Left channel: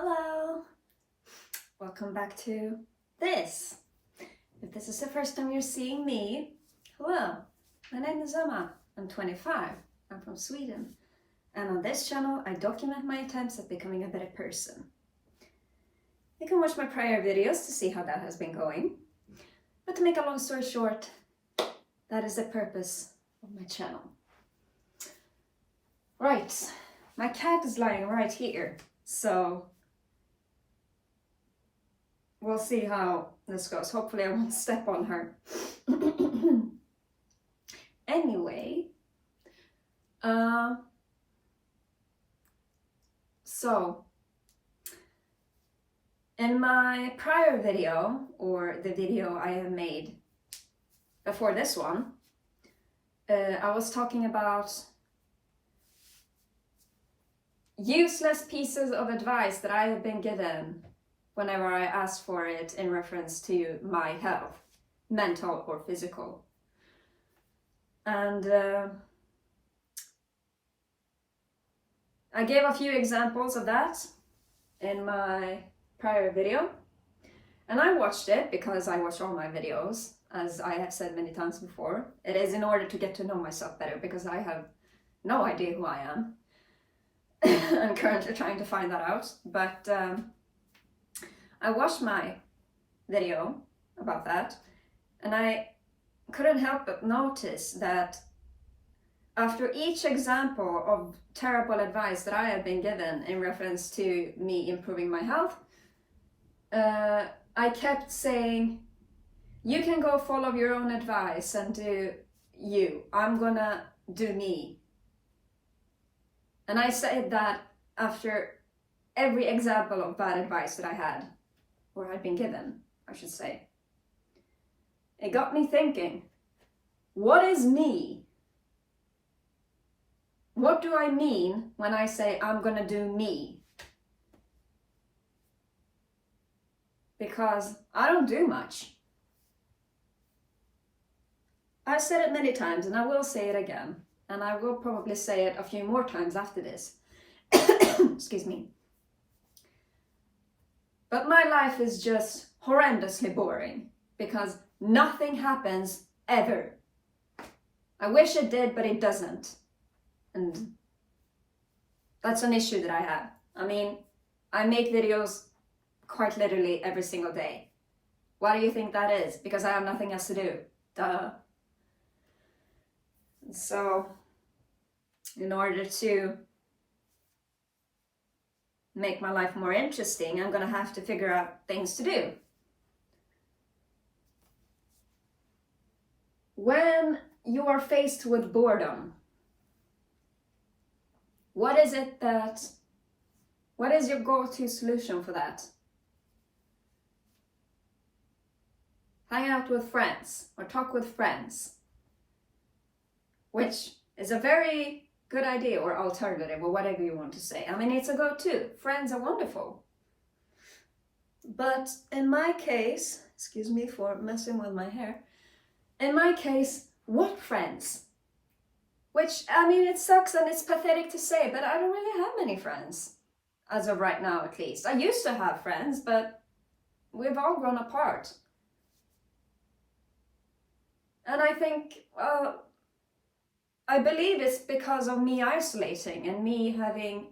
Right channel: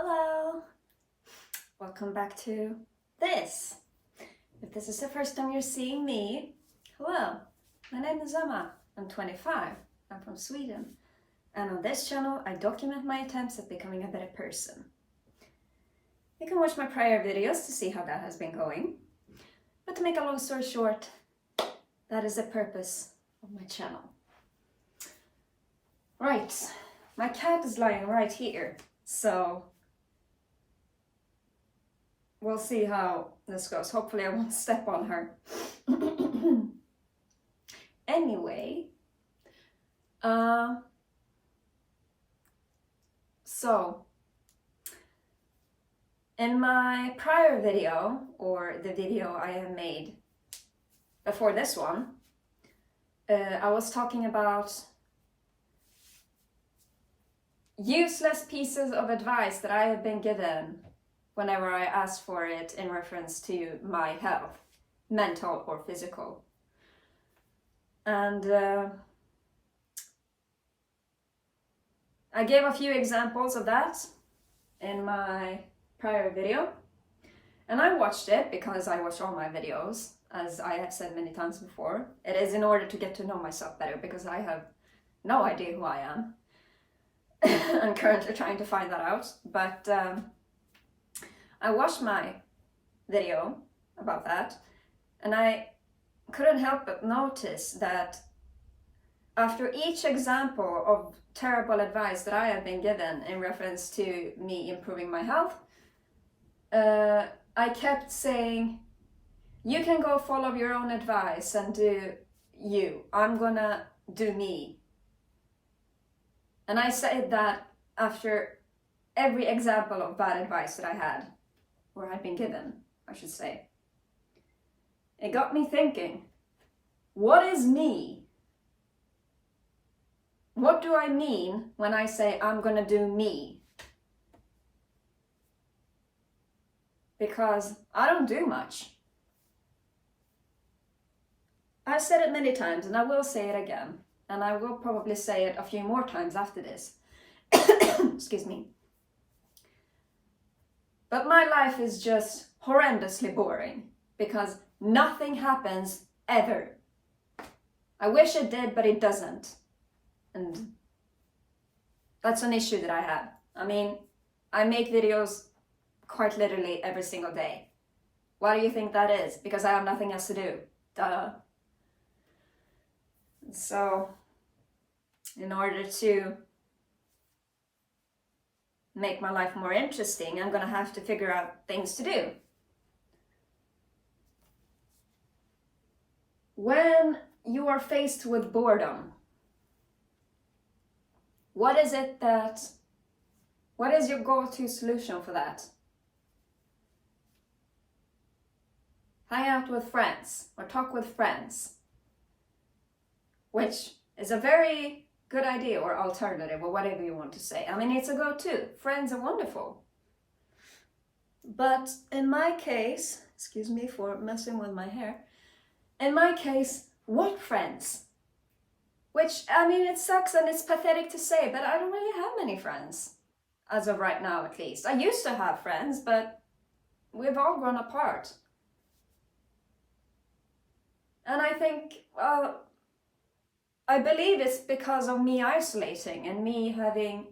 Hello! Welcome back to this. If this is the first time you're seeing me, hello, my name is Emma. I'm 25, I'm from Sweden, and on this channel I document my attempts at becoming a better person. You can watch my prior videos to see how that has been going, but to make a long story short, that is the purpose of my channel. Right, my cat is lying right here, so we'll see how this goes. Hopefully I won't step on her. Anyway, so in my prior video, or the video I have made before this one, I was talking about useless pieces of advice that I have been given whenever I asked for it in reference to my health, mental or physical. And I gave a few examples of that in my prior video. And I watched it because I watch all my videos, as I have said many times before. It is in order to get to know myself better, because I have no idea who I am. I'm currently trying to find that out, but I watched my video about that, and I couldn't help but notice that after each example of terrible advice that I have been given in reference to me improving my health, I kept saying, you can go follow your own advice and do you. I'm gonna do me. And I said that after every example of bad advice that I had, or had been given, I should say. It got me thinking, what is me? What do I mean when I say I'm gonna do me? Because I don't do much. I've said it many times, and I will say it again. And I will probably say it a few more times after this. Excuse me. But my life is just horrendously boring because nothing happens ever. I wish it did, but it doesn't. And that's an issue that I have. I mean, I make videos quite literally every single day. Why do you think that is? Because I have nothing else to do. Duh. So, in order to make my life more interesting, I'm gonna have to figure out things to do. When you are faced with boredom, what is your go-to solution for that? Hang out with friends or talk with friends, which is a very good idea or alternative or whatever you want to say. I mean, it's a go-to. Friends are wonderful. But in my case, excuse me for messing with my hair, in my case, what friends? Which, I mean, it sucks and it's pathetic to say, but I don't really have many friends. As of right now, at least. I used to have friends, but we've all grown apart. And I think, I believe it's because of me isolating and me having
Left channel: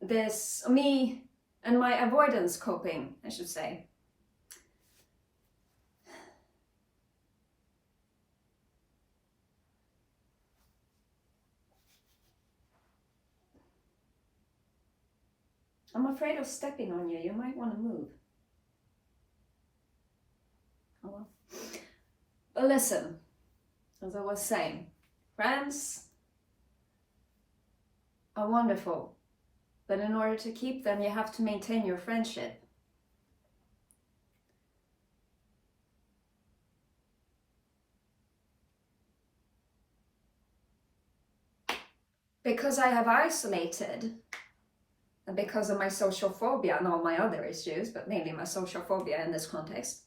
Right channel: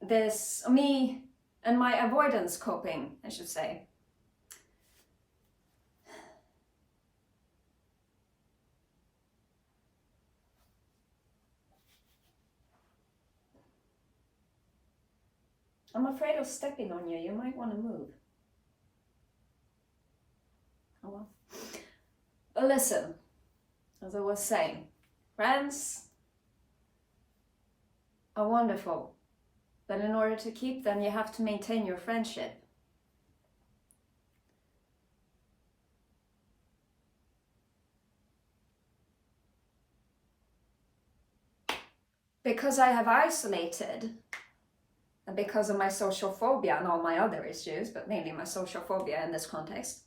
this, me and my avoidance coping, I should say. I'm afraid of stepping on you. You might want to move. Oh well. But listen. As I was saying, friends are wonderful, but in order to keep them, you have to maintain your friendship. Because I have isolated, and because of my social phobia and all my other issues, but mainly my social phobia in this context,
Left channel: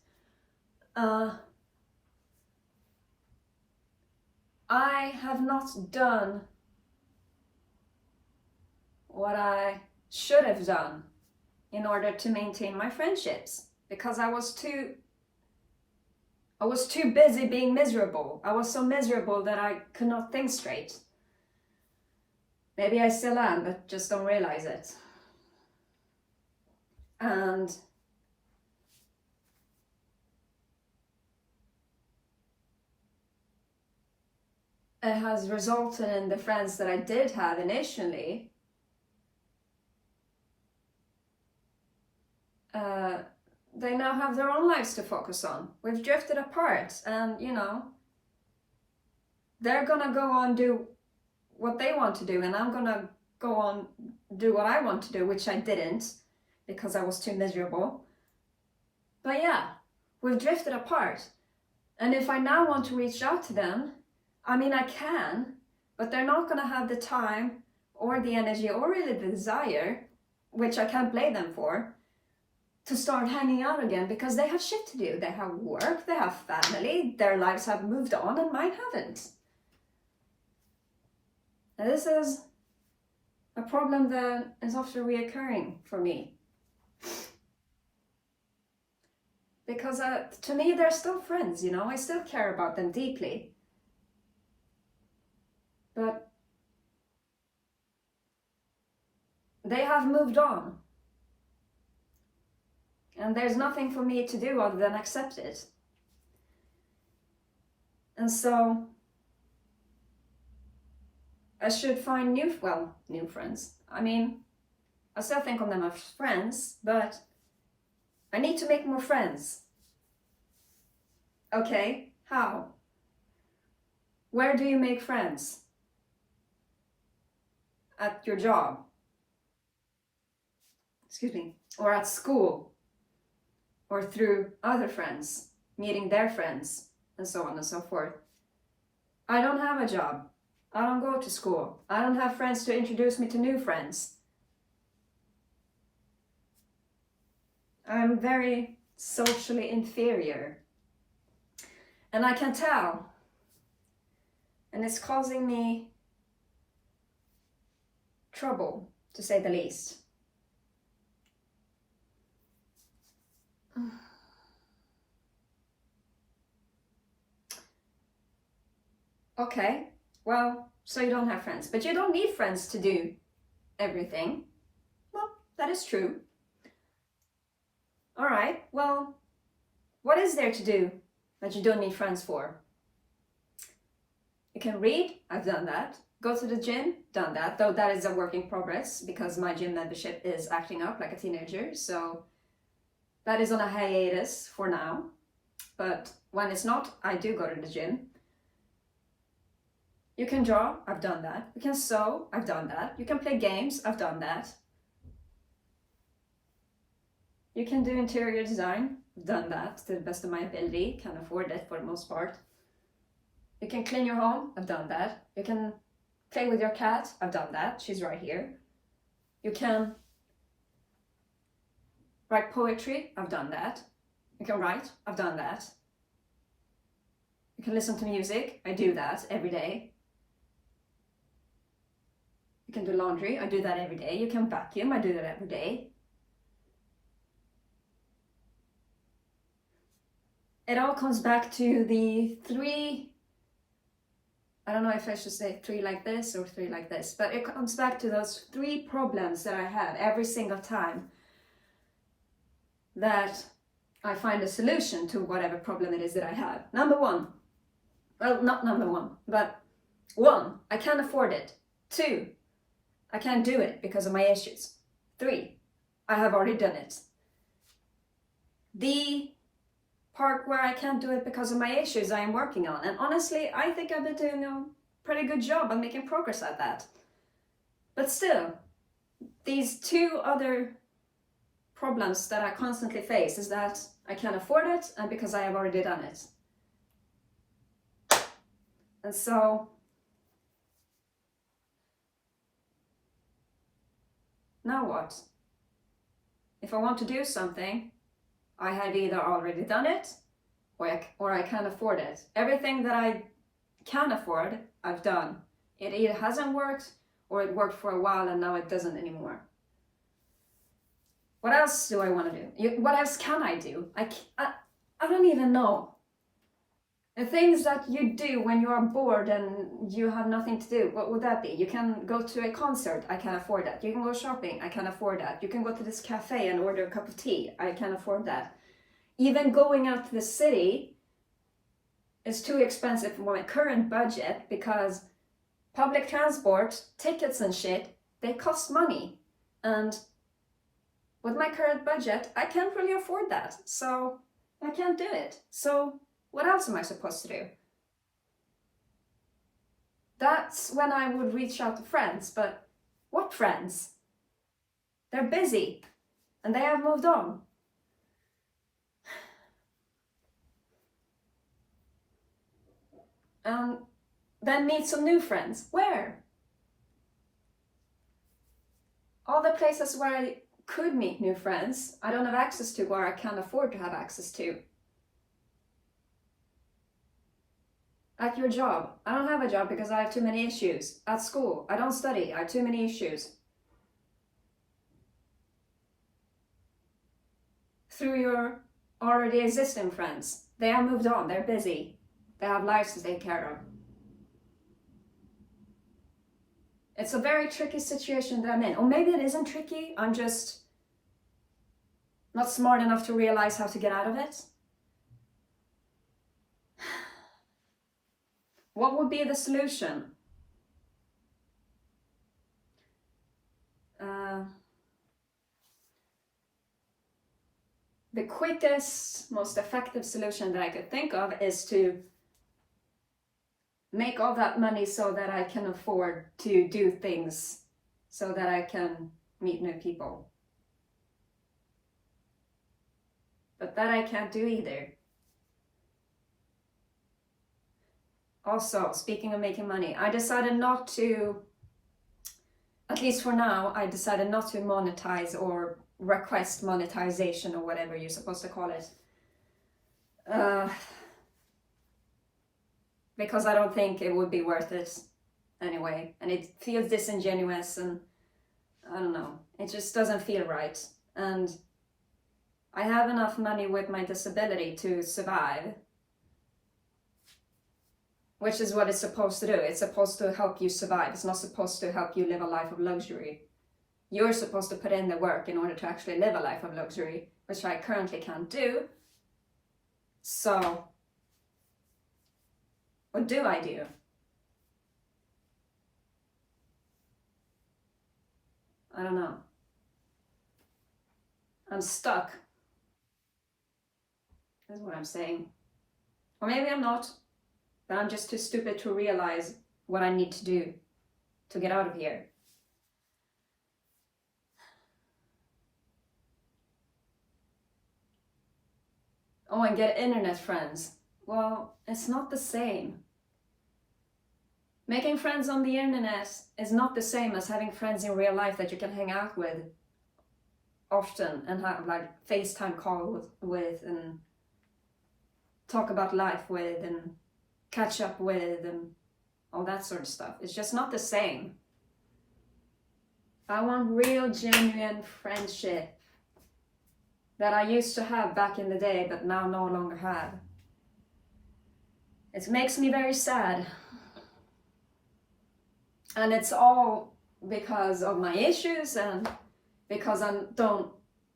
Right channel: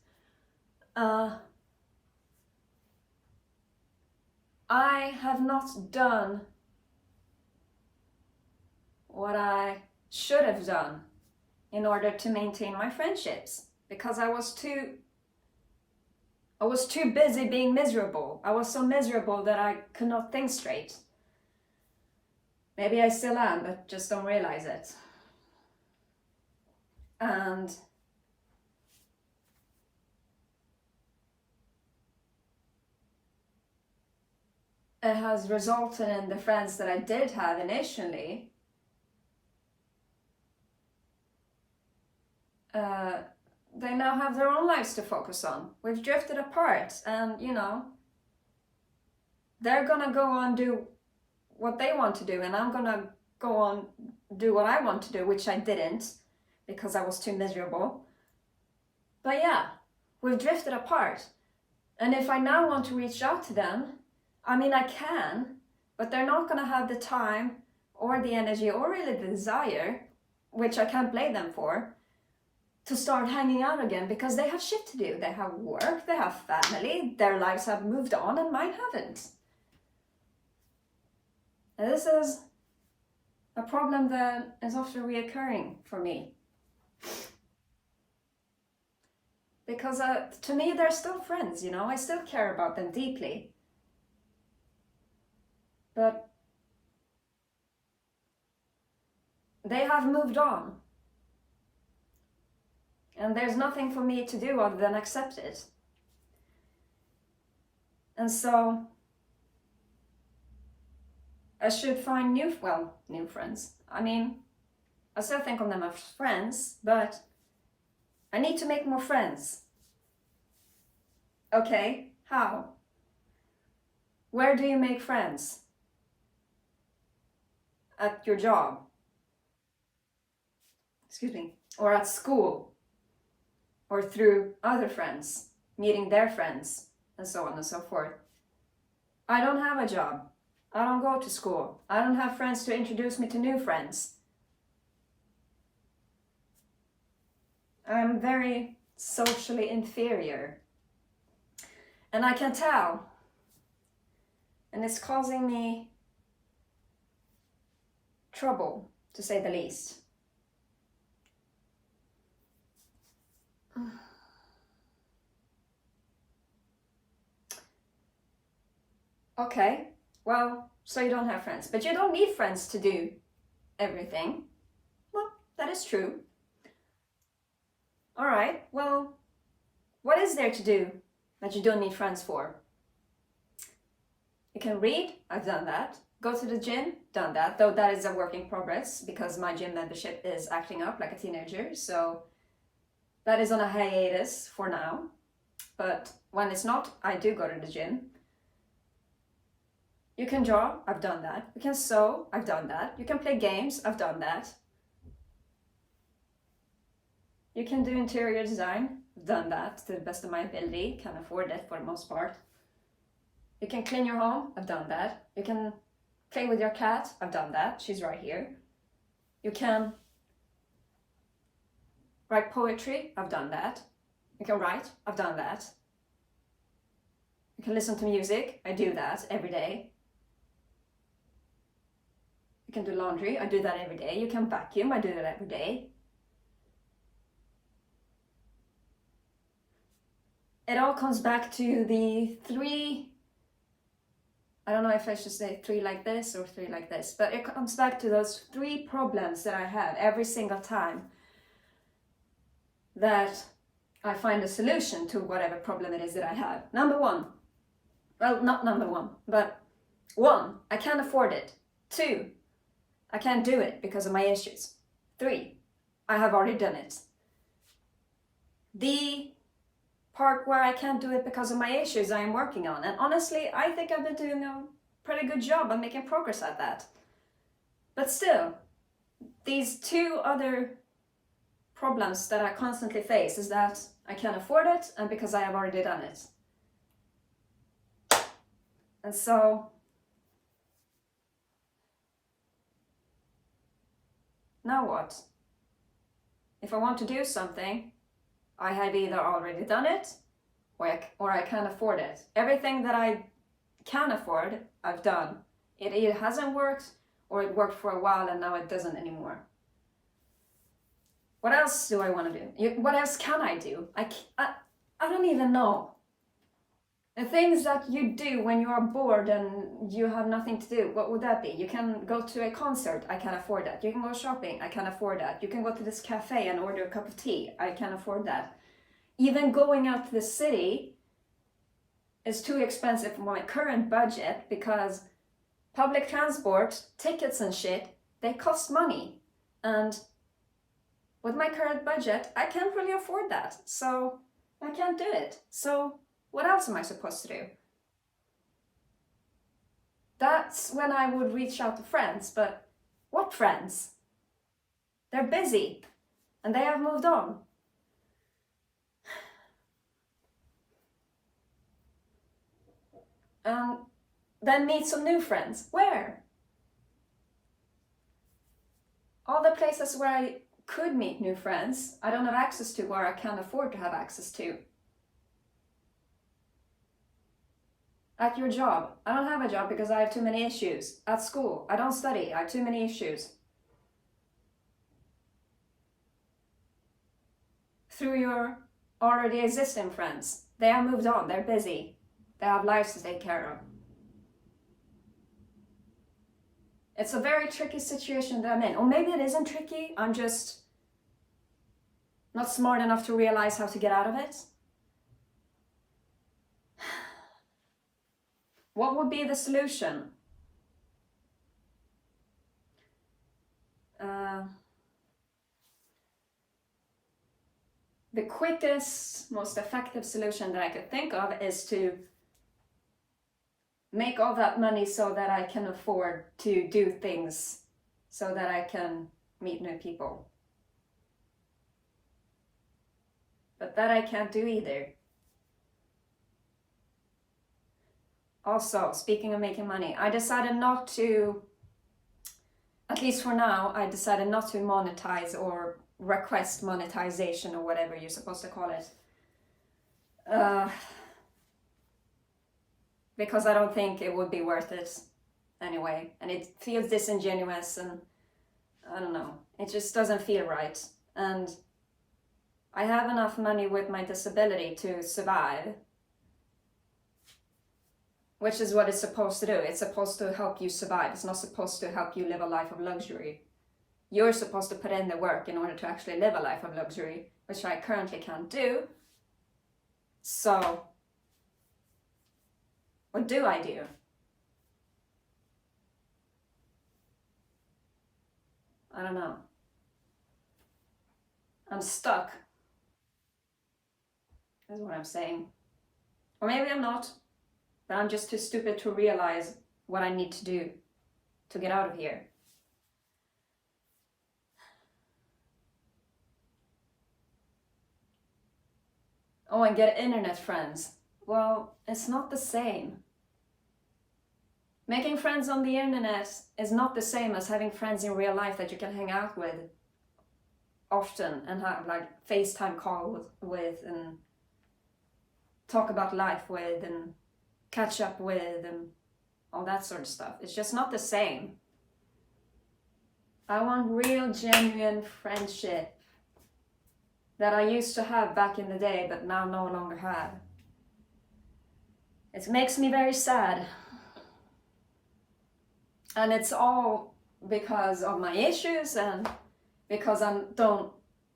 I have not done what I should have done in order to maintain my friendships, because I was too busy being miserable. I was so miserable that I could not think straight. Maybe I still am, but just don't realize it. And it has resulted in the friends that I did have initially they now have their own lives to focus on. We've drifted apart, and you know, they're gonna go on do what they want to do, and I'm gonna go on do what I want to do, which I didn't because I was too miserable. But yeah, we've drifted apart, and if I now want to reach out to them, I mean, I can, but they're not gonna have the time or the energy or really the desire, which I can't blame them for, to start hanging out again, because they have shit to do. They have work, they have family, their lives have moved on, and mine haven't. And this is a problem that is often reoccurring for me. Because to me, they're still friends, you know, I still care about them deeply. But they have moved on. And there's nothing for me to do other than accept it. And so I should find new friends. I mean, I still think of them as friends, but I need to make more friends. Okay, how? Where do you make friends? At your job? Excuse me. Or at school? Or through other friends, meeting their friends, and so on and so forth. I don't have a job. I don't go to school. I don't have friends to introduce me to new friends. I'm very socially inferior. And I can tell. And it's causing me trouble, to say the least. Okay, well, so you don't have friends, but you don't need friends to do everything. Well, that is true. All right, well, what is there to do that you don't need friends for? You can read, I've done that. Go to the gym, done that, though that is a work in progress because my gym membership is acting up like a teenager, so that is on a hiatus for now. But when it's not, I do go to the gym. You can draw, I've done that. You can sew, I've done that. You can play games, I've done that. You can do interior design, I've done that to the best of my ability, can afford it for the most part. You can clean your home, I've done that. You can play with your cat, I've done that, she's right here. You can write poetry, I've done that. You can write, I've done that. You can listen to music, I do that every day. You can do laundry, I do that every day. You can vacuum, I do that every day. It all comes back to the three, I don't know if I should say three like this or three like this, but it comes back to those three problems that I have every single time that I find a solution to whatever problem it is that I have. Number one, well, not number one, but one, I can't afford it. Two, I can't do it because of my issues. Three, I have already done it. The part where I can't do it because of my issues I am working on. And honestly, I think I've been doing a pretty good job on making progress at that. But still, these two other problems that I constantly face is that I can't afford it and because I have already done it. And so, now what? If I want to do something, I have either already done it or I can't afford it. Everything that I can afford, I've done. It either hasn't worked or it worked for a while and now it doesn't anymore. What else do I want to do? What else can I do? I don't even know. The things that you do when you are bored and you have nothing to do, what would that be? You can go to a concert, I can afford that. You can go shopping, I can afford that. You can go to this cafe and order a cup of tea, I can afford that. Even going out to the city is too expensive for my current budget because public transport, tickets and shit, they cost money. And with my current budget, I can't really afford that. So I can't do it. So what else am I supposed to do? That's when I would reach out to friends, but what friends? They're busy and they have moved on. Then meet some new friends. Where? All the places where I could meet new friends, I don't have access to, or I can't afford to have access to. At your job, I don't have a job because I have too many issues. At school, I don't study, I have too many issues. Through your already existing friends, they have moved on, they're busy, they have lives to take care of. It's a very tricky situation that I'm in. Or maybe it isn't tricky, I'm just not smart enough to realize how to get out of it. What would be the solution? The quickest, most effective solution that I could think of is to make all that money so that I can afford to do things, so that I can meet new people. But that I can't do either. Also, speaking of making money, I decided not to, at least for now, I decided not to monetize or request monetization or whatever you're supposed to call it. Because I don't think it would be worth it anyway. And it feels disingenuous and I don't know, it just doesn't feel right. And I have enough money with my disability to survive, which is what it's supposed to do. It's supposed to help you survive. It's not supposed to help you live a life of luxury. You're supposed to put in the work in order to actually live a life of luxury, which I currently can't do. So, what do I do? I don't know. I'm stuck, is what I'm saying. Or maybe I'm not, but I'm just too stupid to realize what I need to do to get out of here. Oh, and get internet friends. Well, it's not the same. Making friends on the internet is not the same as having friends in real life that you can hang out with often and have like FaceTime call with and talk about life with and catch up with and all that sort of stuff. It's just not the same. I want real, genuine friendship that I used to have back in the day, but now no longer have. It makes me very sad. And it's all because of my issues and because I don't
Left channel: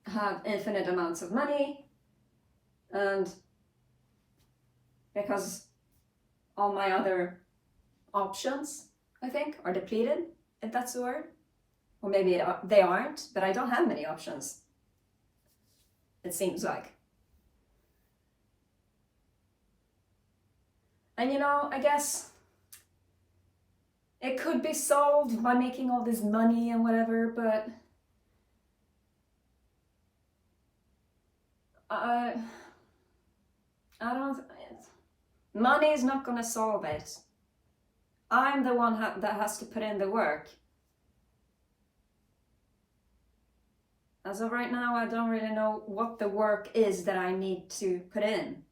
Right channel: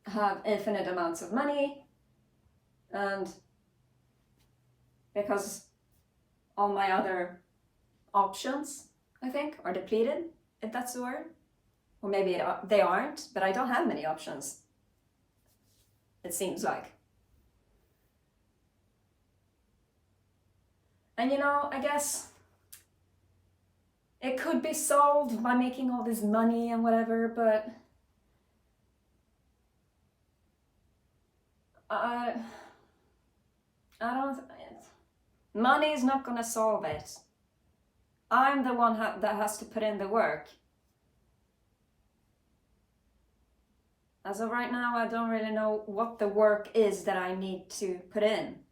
have infinite amounts of money and because all my other options, I think, are depleted, if that's the word. Or maybe they aren't, but I don't have many options. It seems like. And you know, I guess it could be solved by making all this money and whatever, but I don't, money is not gonna solve it. I'm the one that has to put in the work. As of right now, I don't really know what the work is that I need to put in.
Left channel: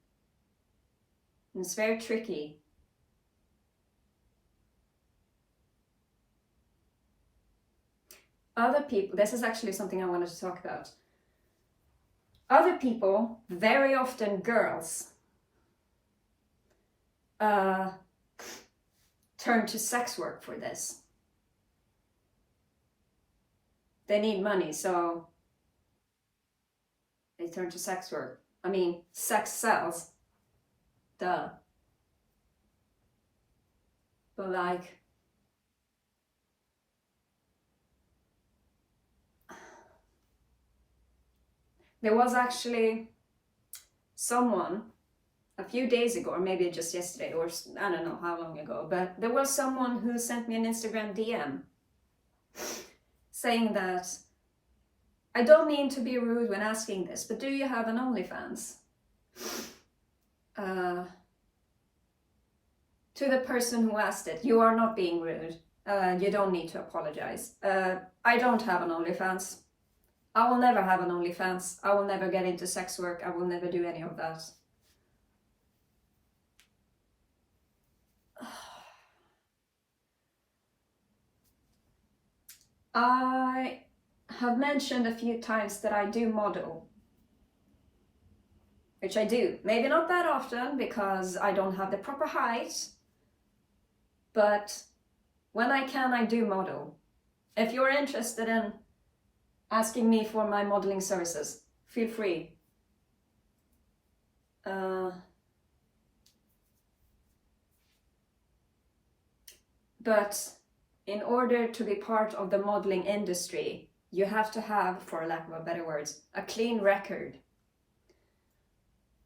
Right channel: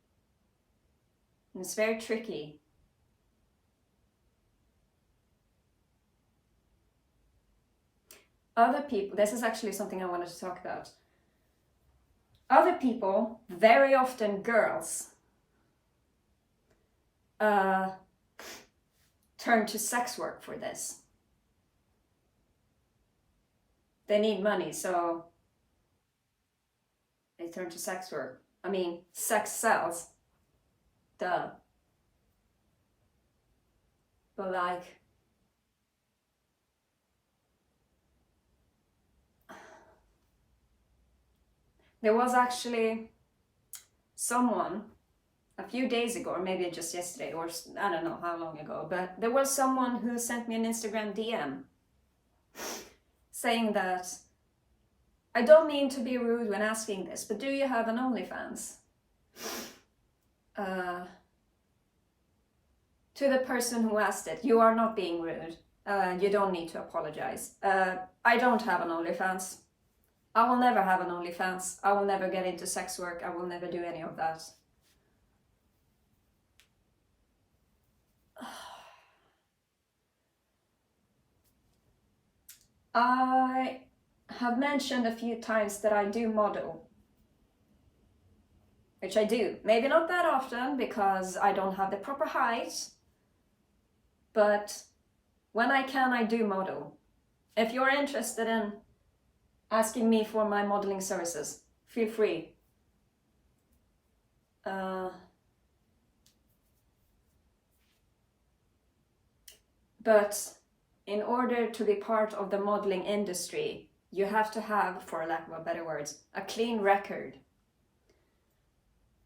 And it's very tricky. Other people, this is actually something I wanted to talk about. other people, very often girls, turn to sex work for this. They need money, so they turn to sex work. I mean, sex sells. Duh. But like, there was actually someone a few days ago, or maybe just yesterday, or I don't know how long ago, but there was someone who sent me an Instagram DM saying that, I don't mean to be rude when asking this, but do you have an OnlyFans? To the person who asked it, you are not being rude. You don't need to apologize. I don't have an OnlyFans. I will never have an OnlyFans. I will never get into sex work. I will never do any of that. I have mentioned a few times that I do model, which I do. Maybe not that often because I don't have the proper height, but when I can, I do model. If you're interested in asking me for my modeling services, feel free. But in order to be part of the modeling industry, you have to have, for lack of better words, a clean record.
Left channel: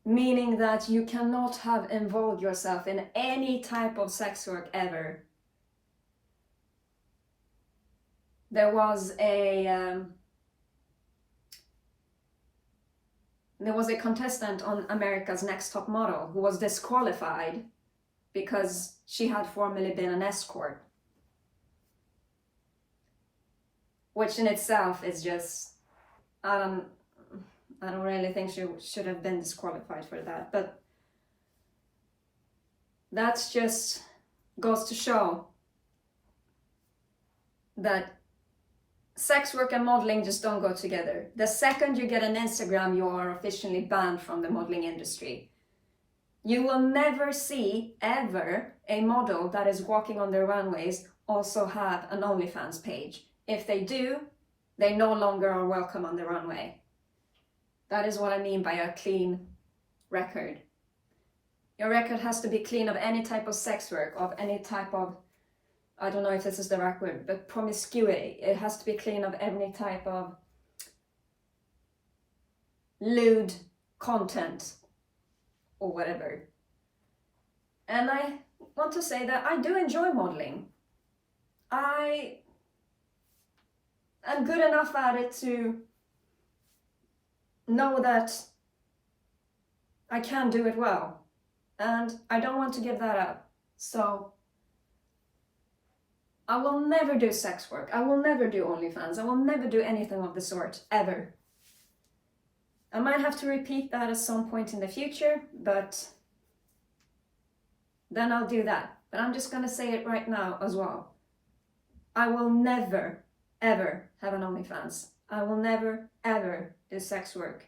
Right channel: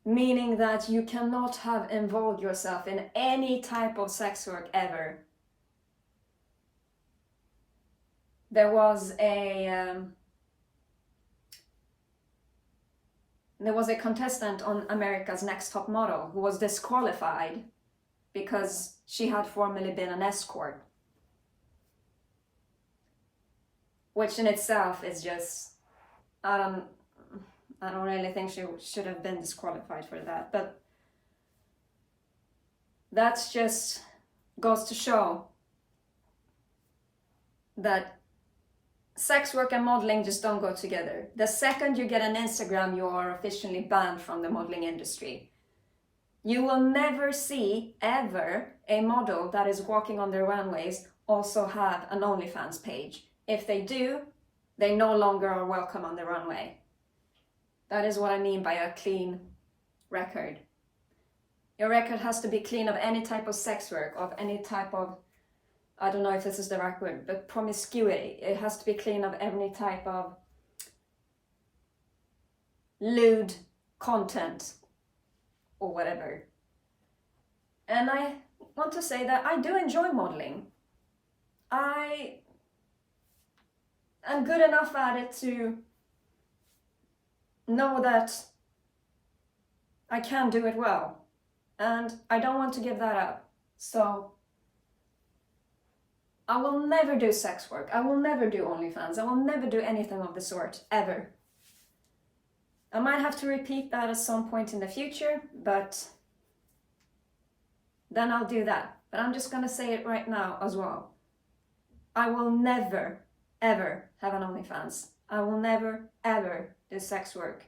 Meaning that you cannot have involved yourself in any type of sex work ever. There was a contestant on America's Next Top Model who was disqualified because she had formerly been an escort. Which in itself is just, I don't really think she should have been disqualified for that, but that's just goes to show that sex work and modeling just don't go together. The second you get an Instagram, you are officially banned from the modeling industry. You will never see, ever, a model that is walking on the runways also have an OnlyFans page. If they do, they no longer are welcome on the runway. That is what I mean by a clean record. Your record has to be clean of any type of sex work, of any type of, I don't know if this is the right word, but promiscuity. It has to be clean of any type of lewd content or whatever. And I want to say that I do enjoy modeling. I am good enough at it to know that I can do it well, and I don't want to give that up. So I will never do sex work. I will never do OnlyFans. I will never do anything of the sort, ever. I might have to repeat that at some point in the future, but then I'll do that. But I'm just gonna say it right now as well. I will never, ever have an OnlyFans. I will never, ever do sex work.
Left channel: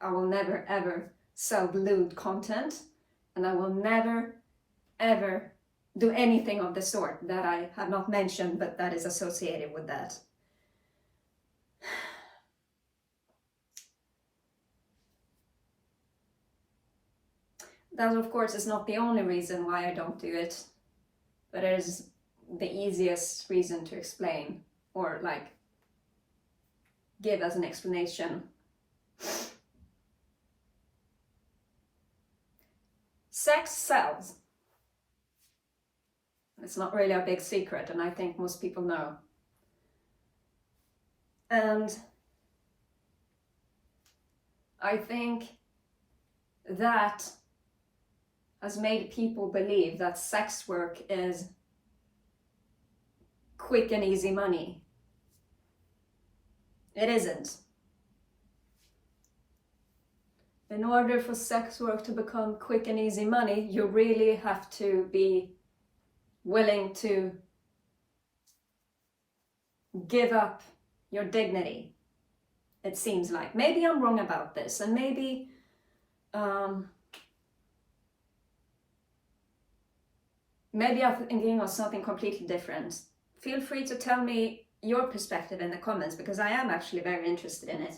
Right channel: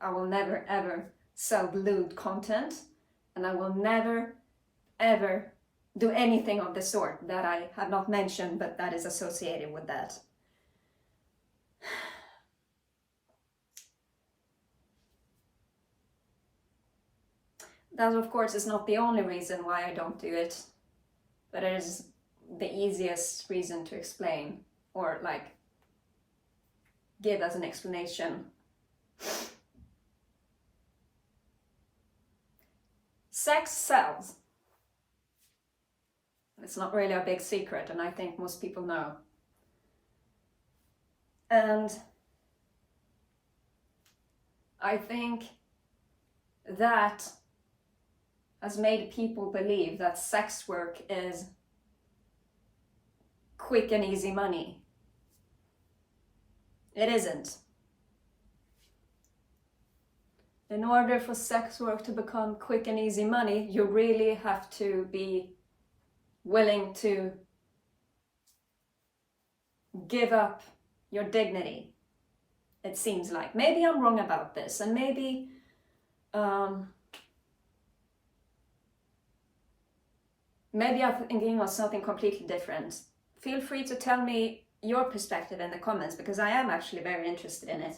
I will never, ever sell lewd content. And I will never, ever do anything of the sort that I have not mentioned, but that is associated with that. That, of course, is not the only reason why I don't do it, but it is the easiest reason to explain, or like give as an explanation. Sex sells. It's not really a big secret, and I think most people know. And I think that has made people believe that sex work is quick and easy money. It isn't. In order for sex work to become quick and easy money, you really have to be willing to give up your dignity. it seems like. Maybe I'm wrong about this, and maybe maybe I'm thinking of something completely different. Feel free to tell me your perspective in the comments, because I am actually very interested in it.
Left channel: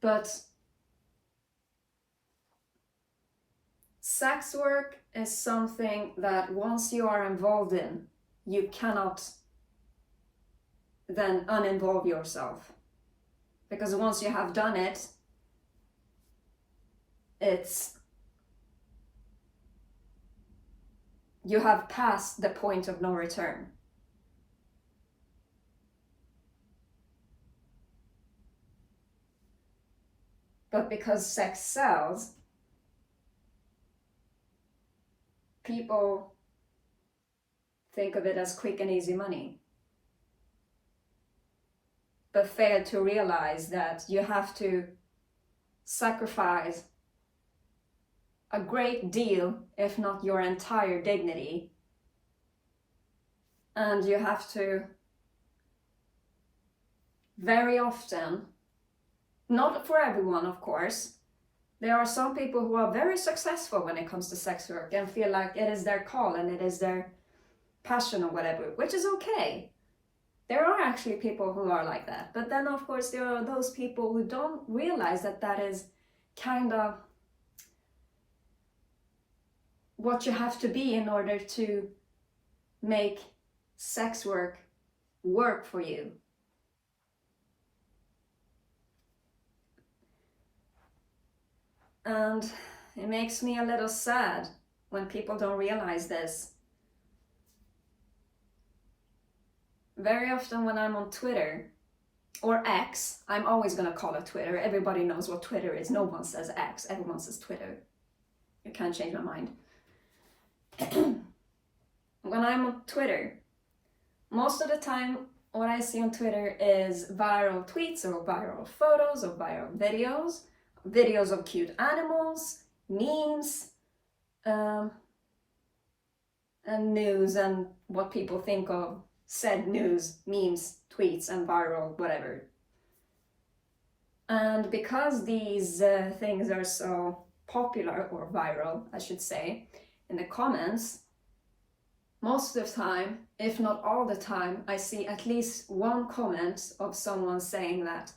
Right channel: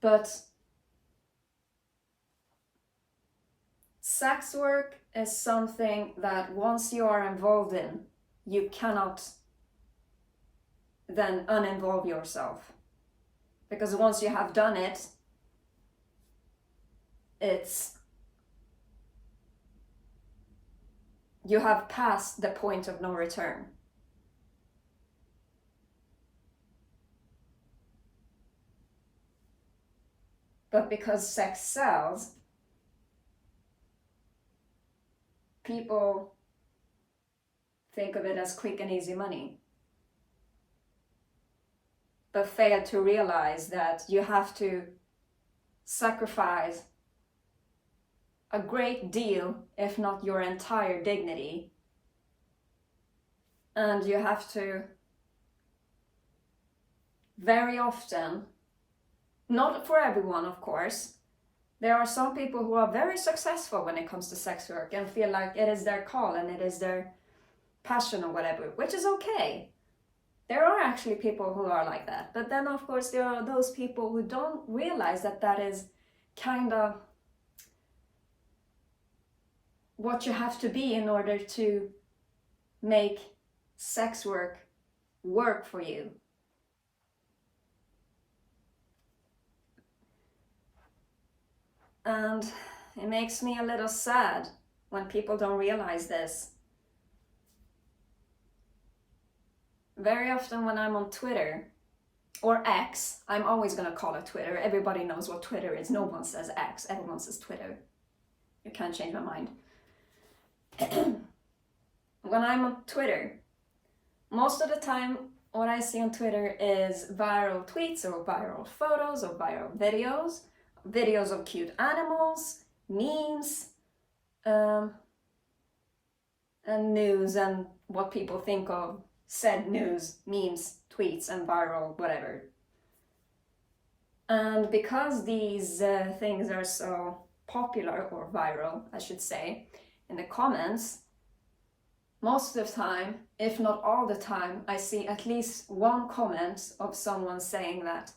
But sex work is something that once you are involved in, you cannot then uninvolve yourself. Because once you have done it, you have passed the point of no return. But because sex sells, people think of it as quick and easy money, but fail to realize that you have to sacrifice a great deal, if not your entire dignity, and you have to very often, not for everyone of course, there are some people who are very successful when it comes to sex work and feel like it is their call and it is their passion or whatever, which is okay. There are actually people who are like that, but then of course there are those people who don't realize that that is kind of what you have to be in order to make sex work for you. And it makes me a little sad when people don't realize this. Very often when I'm on Twitter, or X, I'm always gonna call it Twitter. Everybody knows what Twitter is. No one says X, everyone says Twitter. You can't change my mind. When I'm on Twitter, most of the time what I see on Twitter is viral tweets or viral photos or viral videos of cute animals, memes, and news and what people think of said news, memes, tweets, and viral whatever. And because these things are so popular, or viral I should say, in the comments, most of the time, if not all the time, I see at least one comment of someone saying that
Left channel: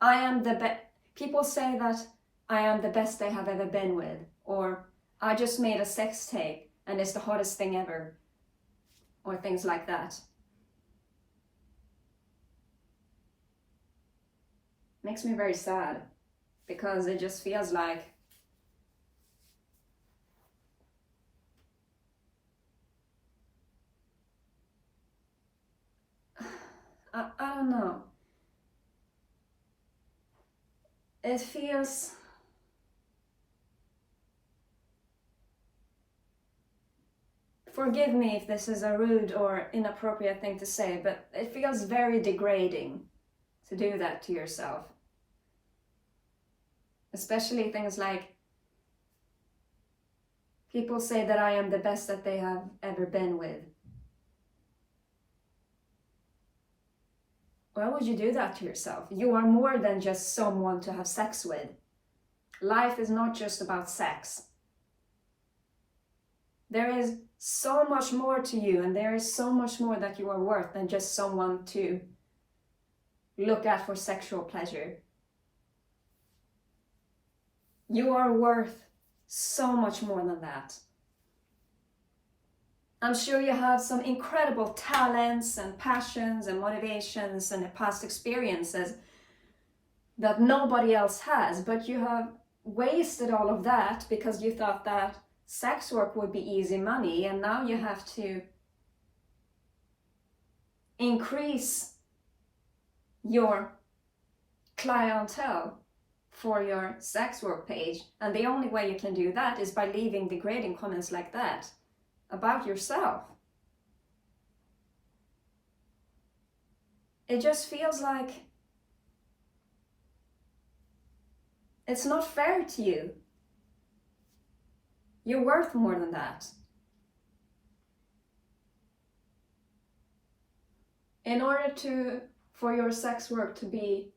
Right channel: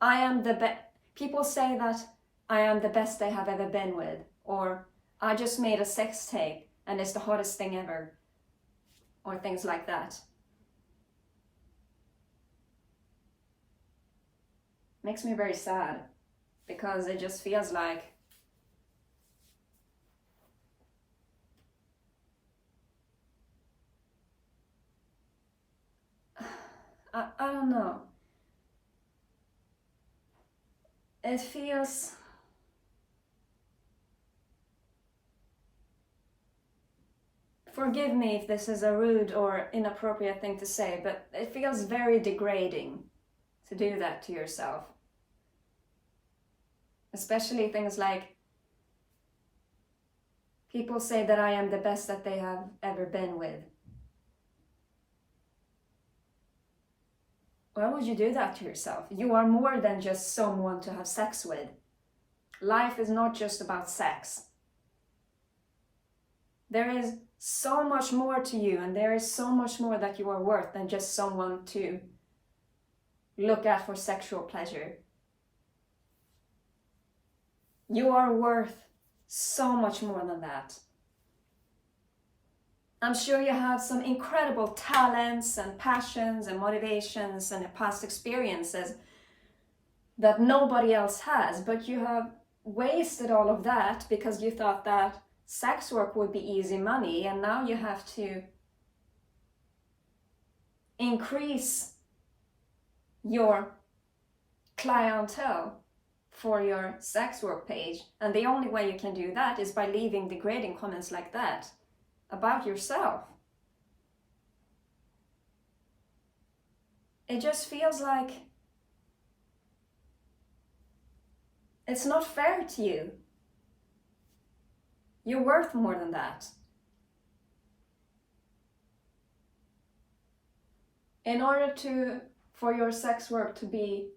I am the best. People say that I am the best they have ever been with, or I just made a sex tape and it's the hottest thing ever, or things like that. Makes me very sad, because it just feels like I don't know. It feels forgive me if this is a rude or inappropriate thing to say, but it feels very degrading to do that to yourself. Especially things like people say that I am the best that they have ever been with. Why would you do that to yourself? You are more than just someone to have sex with. Life is not just about sex. There is so much more to you, and there is so much more that you are worth than just someone to look at for sexual pleasure. You are worth so much more than that. I'm sure you have some incredible talents and passions and motivations and past experiences that nobody else has, but you have wasted all of that because you thought that sex work would be easy money, and now you have to increase your clientele for your sex work page, and the only way you can do that is by leaving degrading comments like that about yourself. It just feels like it's not fair to you. You're worth more than that. In order for your sex work to be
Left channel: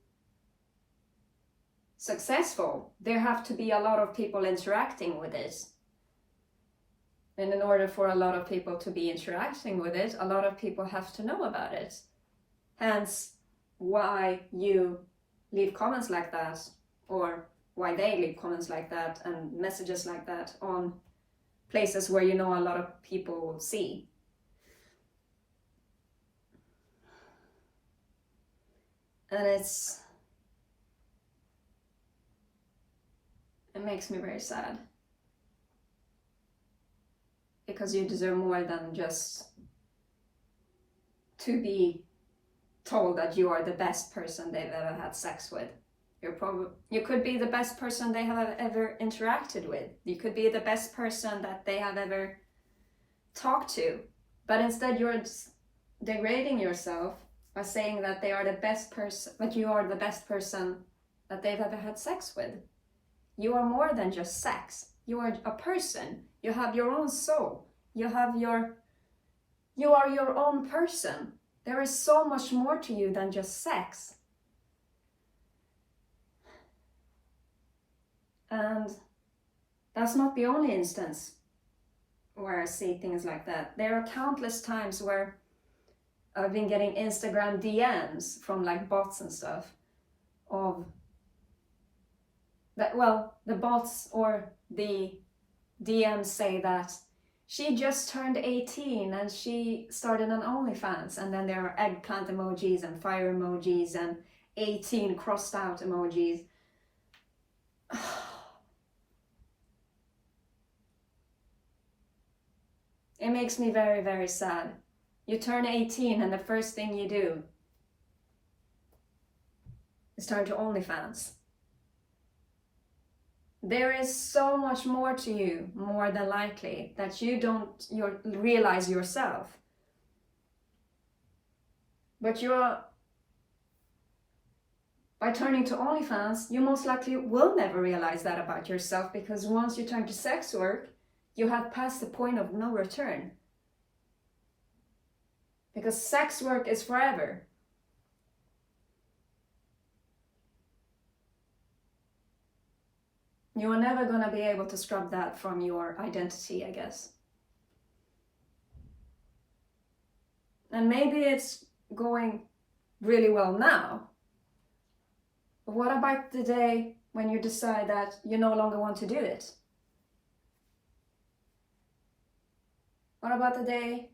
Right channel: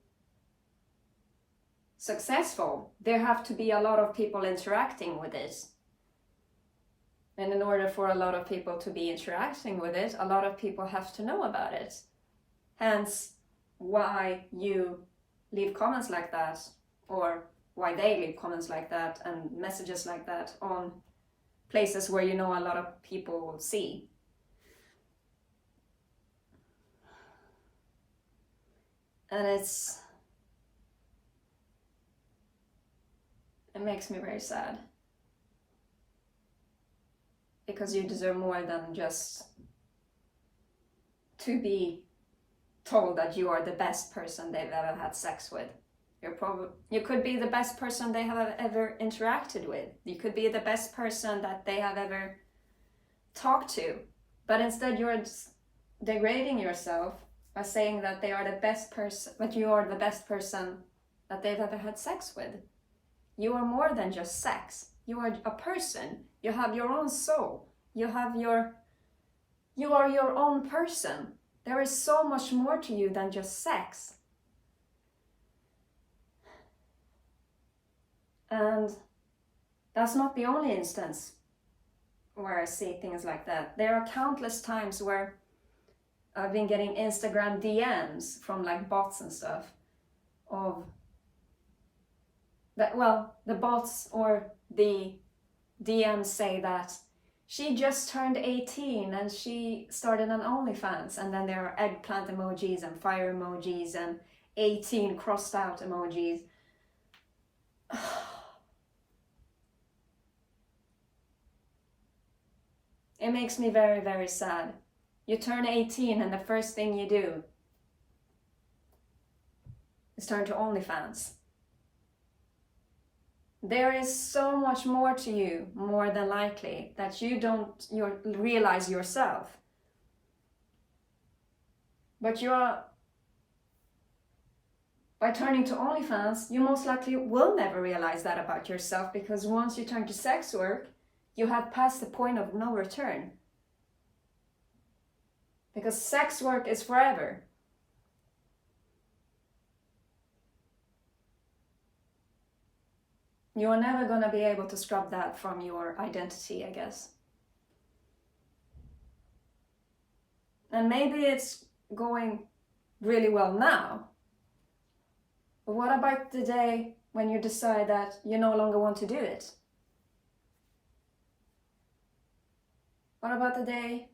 successful, there have to be a lot of people interacting with it. And in order for a lot of people to be interacting with it, a lot of people have to know about it. Hence, why you leave comments like that, or why they leave comments like that and messages like that on places where you know a lot of people will see. And it makes me very sad. Because you deserve more than just to be told that you are the best person they've ever had sex with. You could be the best person they have ever interacted with. You could be the best person that they have ever talked to. But instead you're degrading yourself by saying that they are the best person, that you are the best person that they've ever had sex with. You are more than just sex. You are a person. You have your own soul. You are your own person. There is so much more to you than just sex. And that's not the only instance where I see things like that. There are countless times where I've been getting Instagram DMs from like bots and stuff of that, well, the bots or the DMs say that she just turned 18 and she started an OnlyFans, and then there are eggplant emojis and fire emojis and 18 crossed out emojis. It makes me very, very sad. You turn 18 and the first thing you do is turn to OnlyFans. There is so much more to you, more than likely, that you don't realize yourself. But by turning to OnlyFans, you most likely will never realize that about yourself, because once you turn to sex work, you have passed the point of no return. Because sex work is forever. You are never going to be able to scrub that from your identity, I guess. And maybe it's going really well now. But what about the day when you decide that you no longer want to do it? What about the day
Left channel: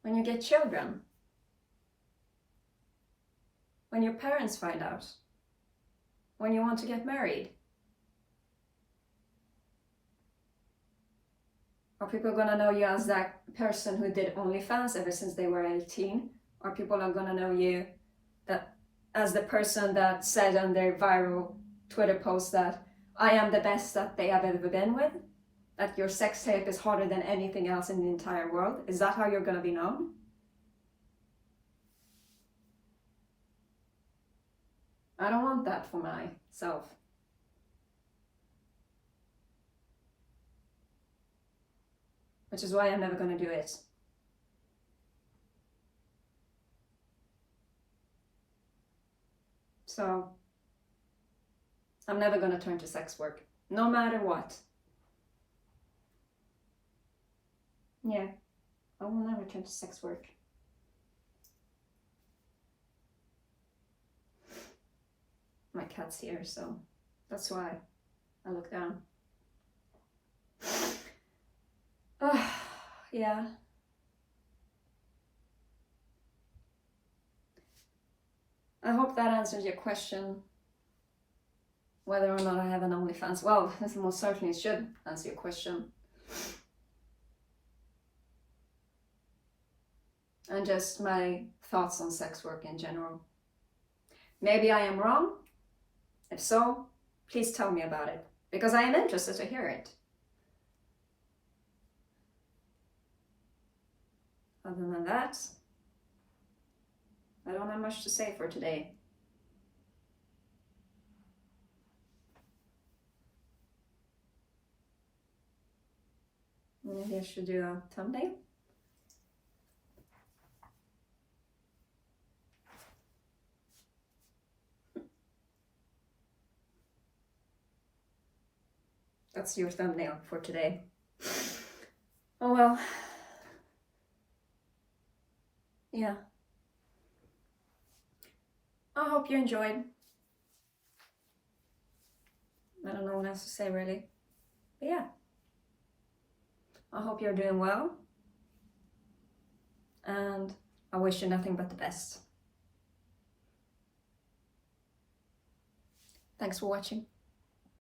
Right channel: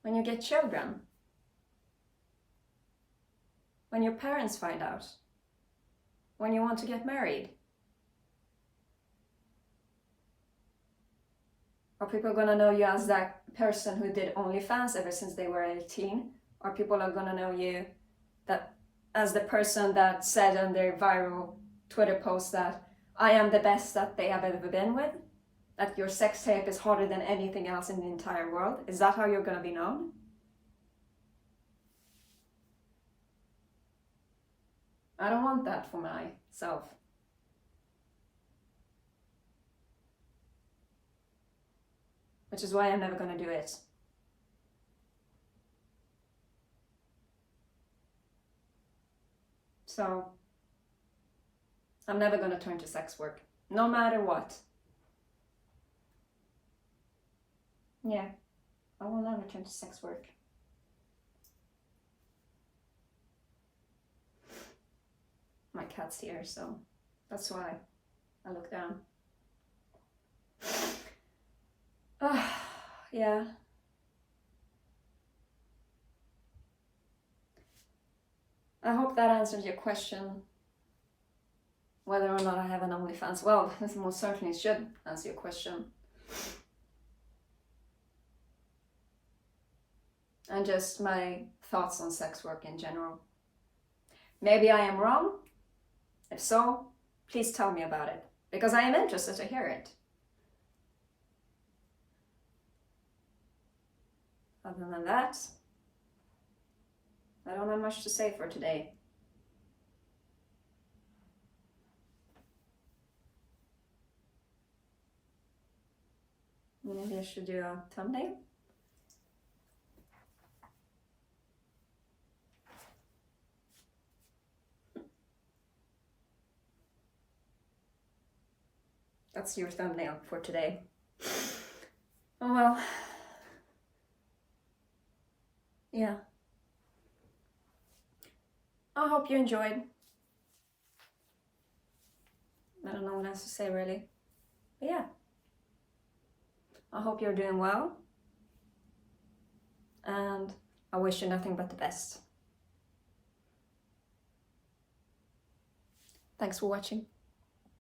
when you get children? When your parents find out? When you want to get married? Are people going to know you as that person who did OnlyFans ever since they were 18? Or people are going to know you that as the person that said on their viral Twitter post that I am the best that they have ever been with? That your sex tape is harder than anything else in the entire world? Is that how you're going to be known? I don't want that for myself. Which is why I'm never going to do it. So, I'm never going to turn to sex work, no matter what. Yeah, I will never turn to sex work. My cat's here, so that's why I look down. Yeah. I hope that answers your question. Whether or not I have an OnlyFans. Well, this most certainly should answer your question. And just my thoughts on sex work in general. Maybe I am wrong. If so, please tell me about it, because I am interested to hear it. Other than that, I don't have much to say for today. Maybe I should do a thumbnail. That's your thumbnail for today. Oh well. Yeah. I hope you enjoyed. I don't know what else to say really. But yeah. I hope you're doing well. And I wish you nothing but the best. Thanks for watching.